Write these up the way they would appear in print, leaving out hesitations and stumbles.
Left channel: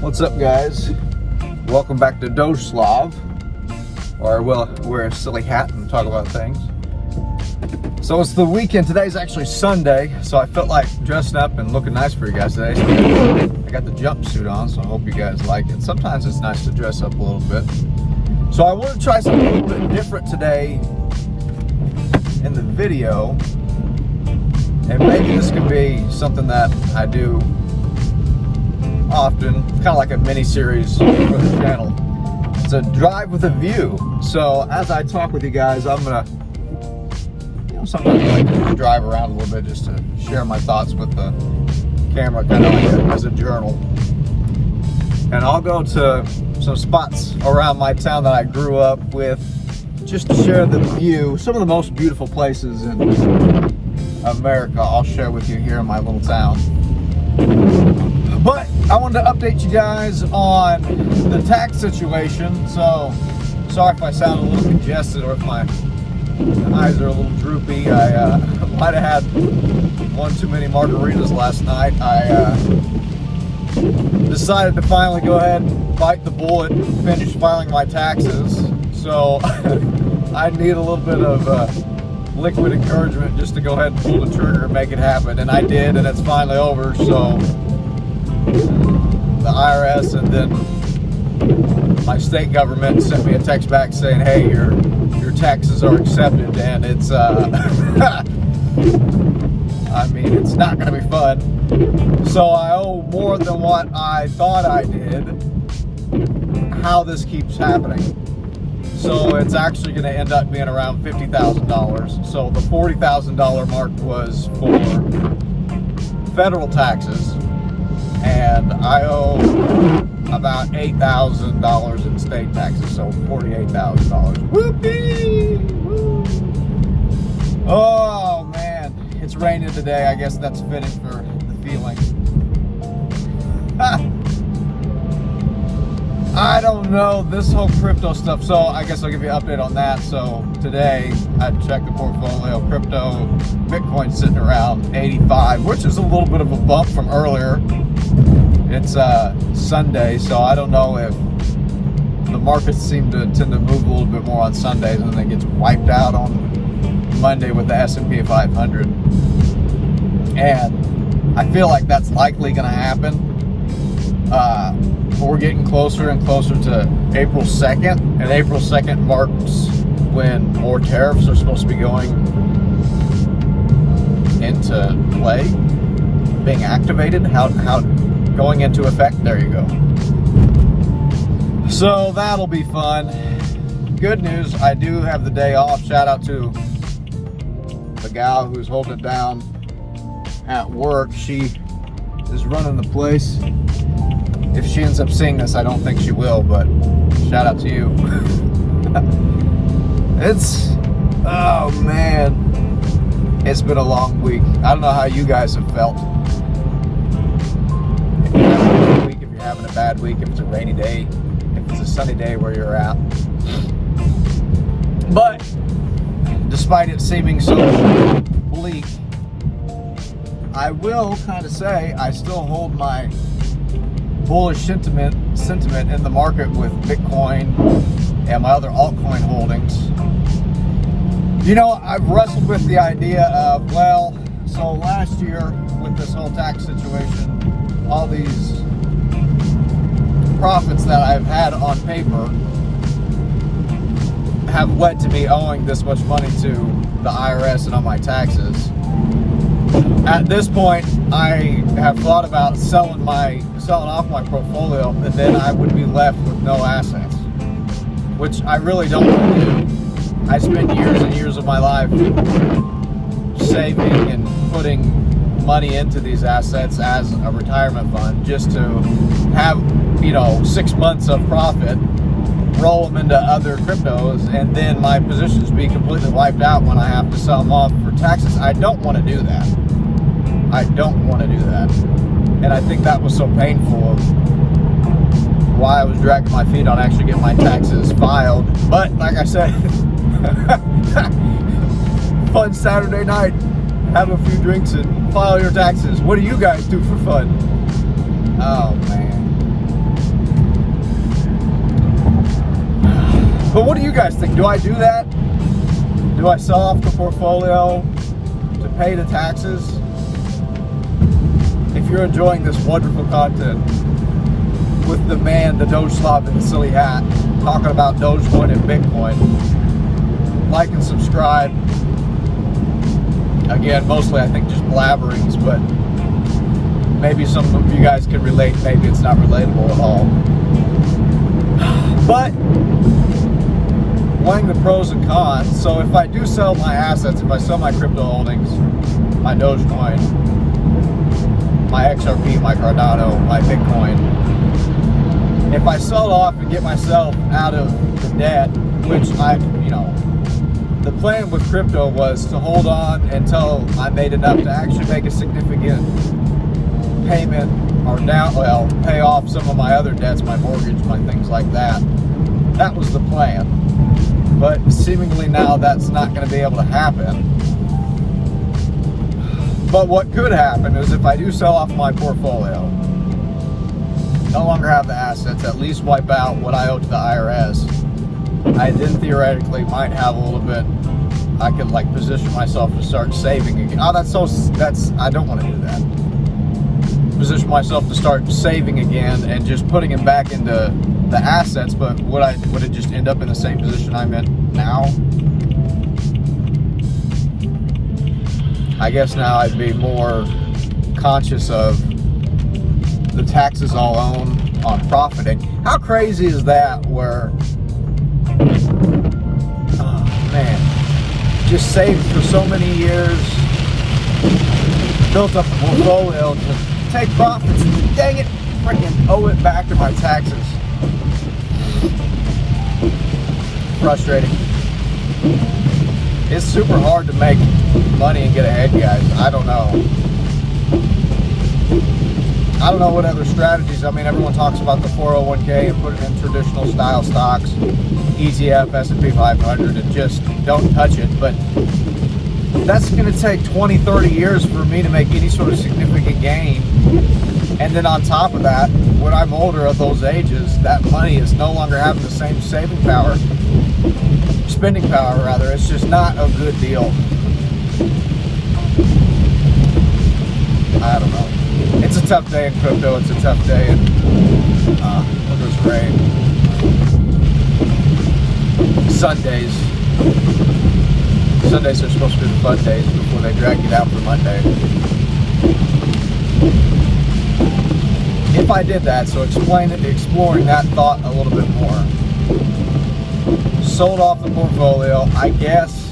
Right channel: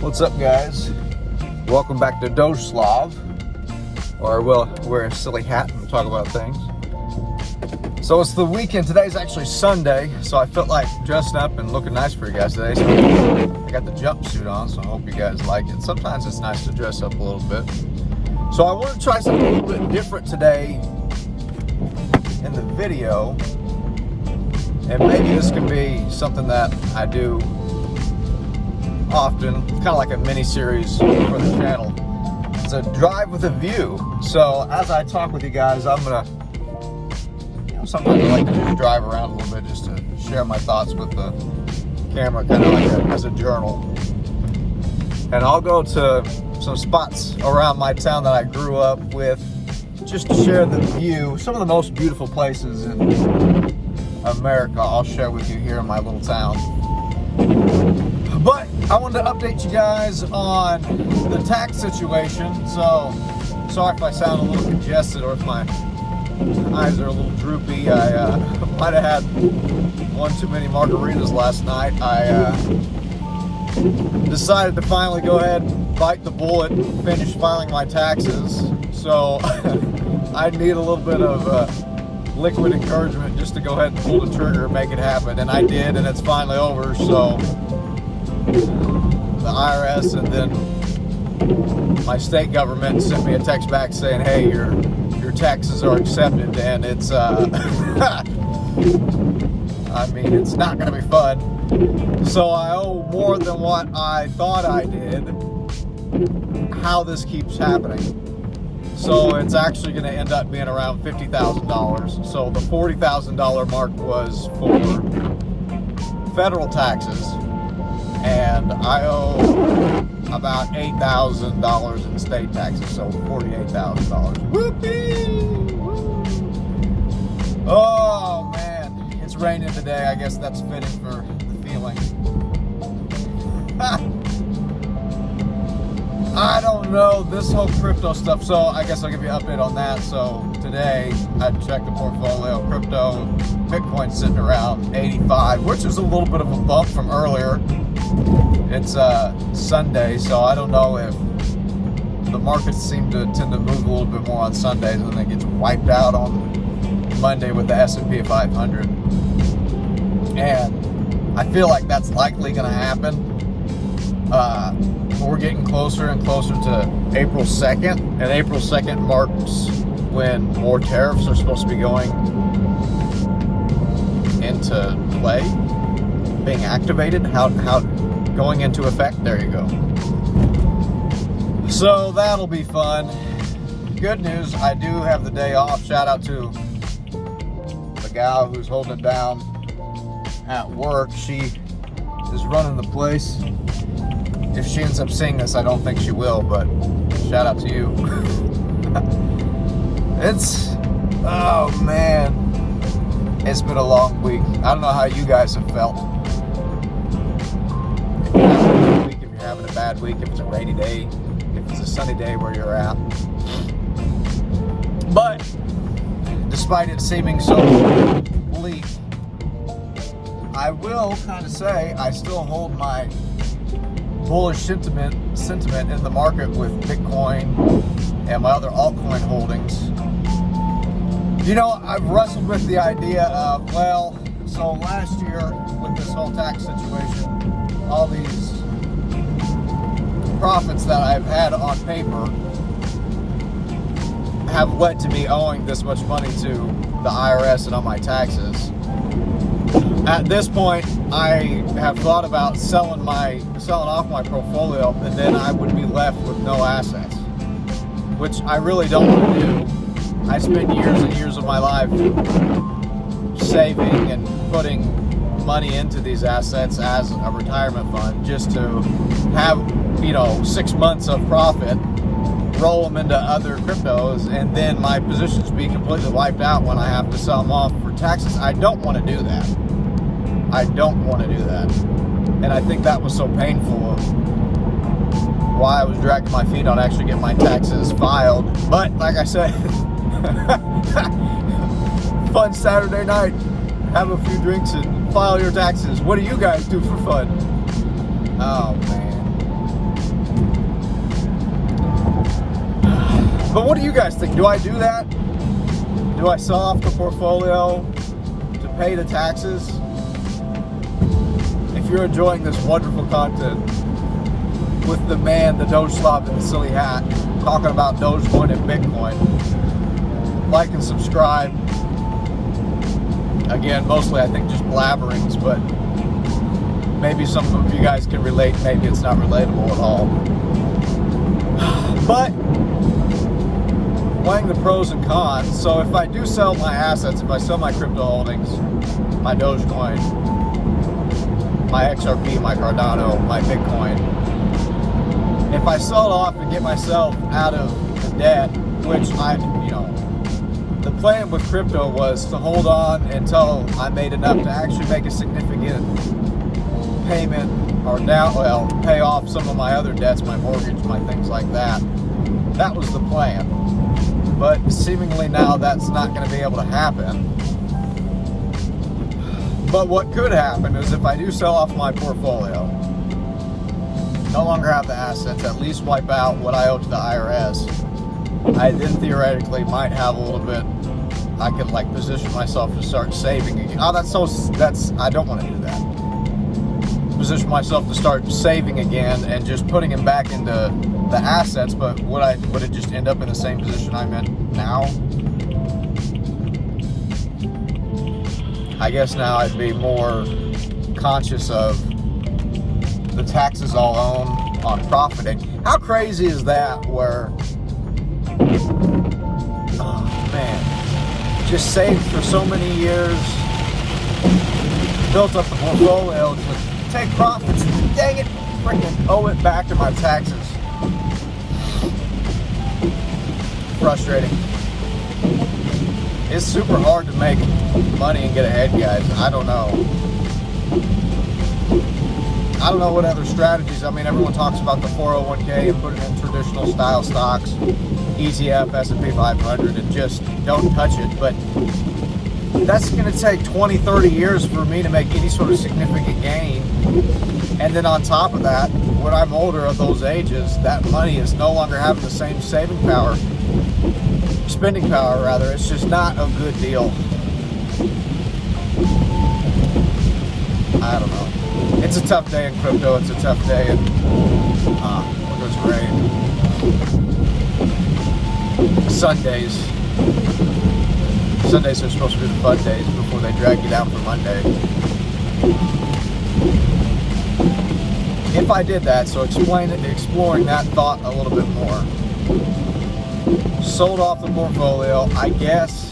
What's up, guys? Welcome back to DogeSlav, or I will wear a silly hat and talk about things. So it's the weekend. Today's actually Sunday, so I felt like dressing up and looking nice for you guys today. So I got the jumpsuit on, so I hope you guys like it. Sometimes it's nice to dress up a little bit. So I want to try something a little bit different today in the video, and maybe this can be something that I do often. It's kind of like a mini series for the channel. It's a drive with a view. So as I talk with you guys, I'm gonna, sometimes I like to just drive around a little bit just to share my thoughts with the camera, kind of like as a journal. And I'll go to some spots around my town that I grew up with, just to share the view. Some of the most beautiful places in America I'll share with you here in my little town. But I wanted to update you guys on the tax situation. So sorry if I sound a little congested or if my eyes are a little droopy. I might have had one too many margaritas last night. I decided to finally go ahead and bite the bullet and finish filing my taxes. So I need a little bit of liquid encouragement just to go ahead and pull the trigger and make it happen. And I did, and it's finally over. So the IRS and then my state government sent me a text back saying, hey, your taxes are accepted, and it's I mean, it's not gonna be fun. So I owe more than what I thought I did. How this keeps happening. So it's actually gonna end up being around $50,000. So the $40,000 mark was for federal taxes, and I owe about $8,000 in state taxes, so $48,000. Whoopee! Woo! Oh man, it's raining today. I guess that's fitting for the feeling. I don't know, this whole crypto stuff. So I guess I'll give you an update on that. So today I checked the portfolio. Crypto, Bitcoin sitting around 85, which is a little bit of a bump from earlier. It's Sunday, so I don't know if the markets seem to tend to move a little bit more on Sundays, and then it gets wiped out on Monday with the S&P 500. And I feel like that's likely going to happen. We're getting closer and closer to April 2nd, and April 2nd marks when more tariffs are supposed to be going into play, being activated, how going into effect. There you go. So that'll be fun. Good news, I do have the day off. Shout out to the gal who's holding it down at work. She is running the place. If she ends up seeing this, I don't think she will, but shout out to you. Oh man, it's been a long week. I don't know how you guys have felt. If you're having a good week, if you're having a bad week, if it's a rainy day, if it's a sunny day where you're at. But despite it seeming so bleak, I will kind of say I still hold my bullish sentiment in the market with Bitcoin and my other altcoin holdings. You know, I've wrestled with the idea of, well, so last year with this whole tax situation, all these profits that I've had on paper have led to me owing this much money to the IRS and on my taxes. At this point, I have thought about selling off my portfolio, and then I would be left with no assets, which I really don't want to do. I spent years and years of my life saving and putting money into these assets as a retirement fund just to have, 6 months of profit, roll them into other cryptos, and then my positions be completely wiped out when I have to sell them off for taxes. I don't want to do that. I don't want to do that. And I think that was so painful of why I was dragging my feet on actually getting my taxes filed. But like I said, fun Saturday night. Have a few drinks and file your taxes. What do you guys do for fun? Oh man. But what do you guys think? Do I do that? Do I sell off the portfolio to pay the taxes? If you're enjoying this wonderful content with the man, the DogeSlav in the silly hat, talking about Dogecoin and Bitcoin, like and subscribe. Again, mostly I think just blabberings, but maybe some of you guys can relate, maybe it's not relatable at all. But weighing the pros and cons, so if I do sell my assets, if I sell my crypto holdings, my Dogecoin, my XRP, my Cardano, my Bitcoin, if I sell it off and get myself out of the debt, which the plan with crypto was to hold on until I made enough to actually make a significant payment or pay off some of my other debts, my mortgage, my things like that. That was the plan. But seemingly now that's not going to be able to happen. But what could happen is if I do sell off my portfolio, no longer have the assets, at least wipe out what I owe to the IRS, I then theoretically might have a little bit, I could like position myself to start saving again. I don't want to do that. Position myself to start saving again and just putting it back into the assets, but would it just end up in the same position I'm in now? I guess now I'd be more conscious of the taxes I'll own on profiting. How crazy is that where, oh man, just saved for so many years, built up a portfolio to take profits and dang it, freaking owe it back to my taxes. Frustrating. It's super hard to make money and get ahead, guys. I don't know what other strategies. I mean, everyone talks about the 401k, put it in traditional style stocks, ETF, S&P 500, and just don't touch it. But that's going to take 20, 30 years for me to make any sort of significant gain. And then on top of that, when I'm older at those ages, that money is no longer having the same spending power, rather. It's just not a good deal. I don't know. It's a tough day in crypto. It's a tough day in there's rain. Sundays are supposed to be the fun days before they drag you down for Monday. If I did that, so exploring that thought a little bit more. Sold off the portfolio, I guess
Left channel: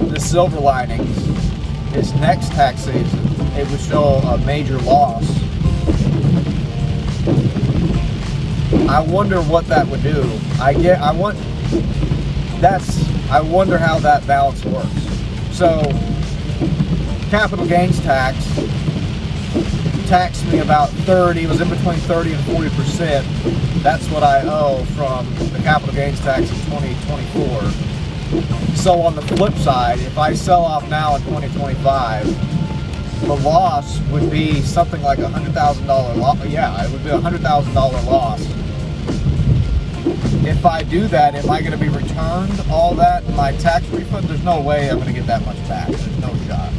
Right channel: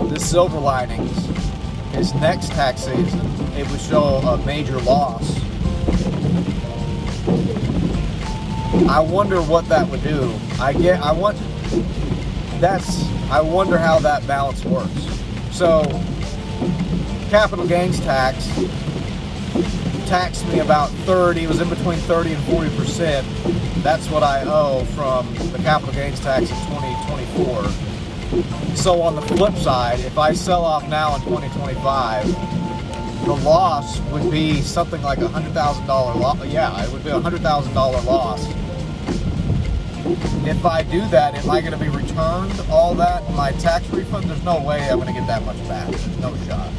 the silver linings is next tax season, it would show a major loss. I wonder what that would do. I wonder how that balance works. So, capital gains tax taxed me about 30, it was in between 30 and 40%. That's what I owe from the capital gains tax in 2024. So on the flip side, if I sell off now in 2025, the loss would be something like $100,000 loss. Yeah, it would be $100,000 loss. If I do that, am I going to be returned all that in my tax refund? There's no way I'm going to get that much back. There's no shot.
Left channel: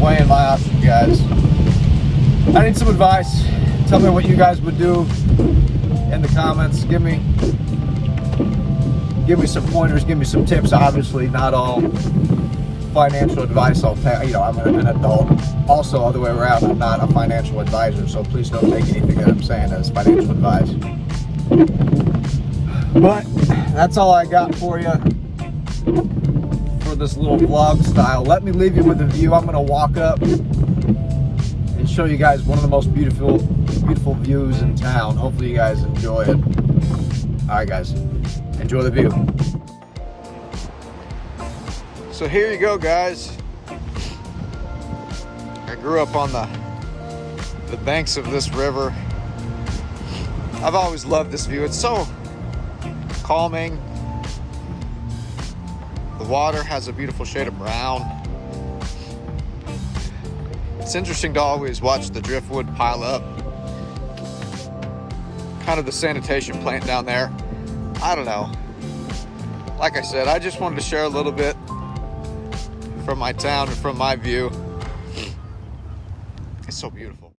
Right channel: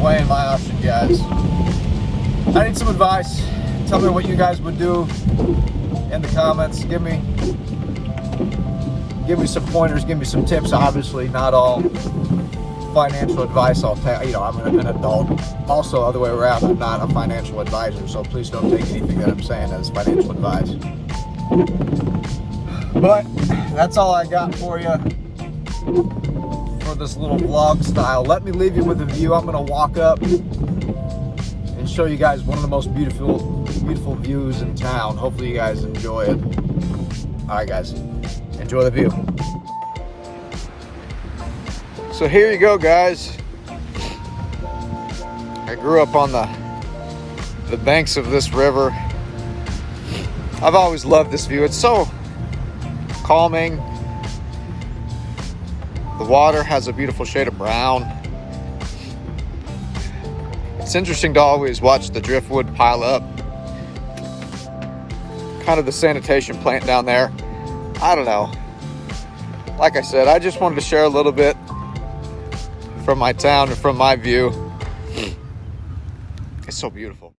Weighing my option, guys. I need some advice. Tell me what you guys would do in the comments. Give me some pointers. Give me some tips. Obviously, not all financial advice I'll take. I'm an adult. Also, other way around, I'm not a financial advisor, so please don't take anything that I'm saying as financial advice. But that's all I got for you for this little vlog style. Let me leave you with a view. I'm gonna walk up and show you guys one of the most beautiful views in town. Hopefully you guys enjoy it. All right, guys, enjoy the view. So here you go, guys. I grew up on the banks of this river. I've always loved this view. It's so calming. The water has a beautiful shade of brown. It's interesting to always watch the driftwood pile up kind of the sanitation plant down there. I don't know. Like I said, I just wanted to share a little bit from my town and from my view. It's so beautiful.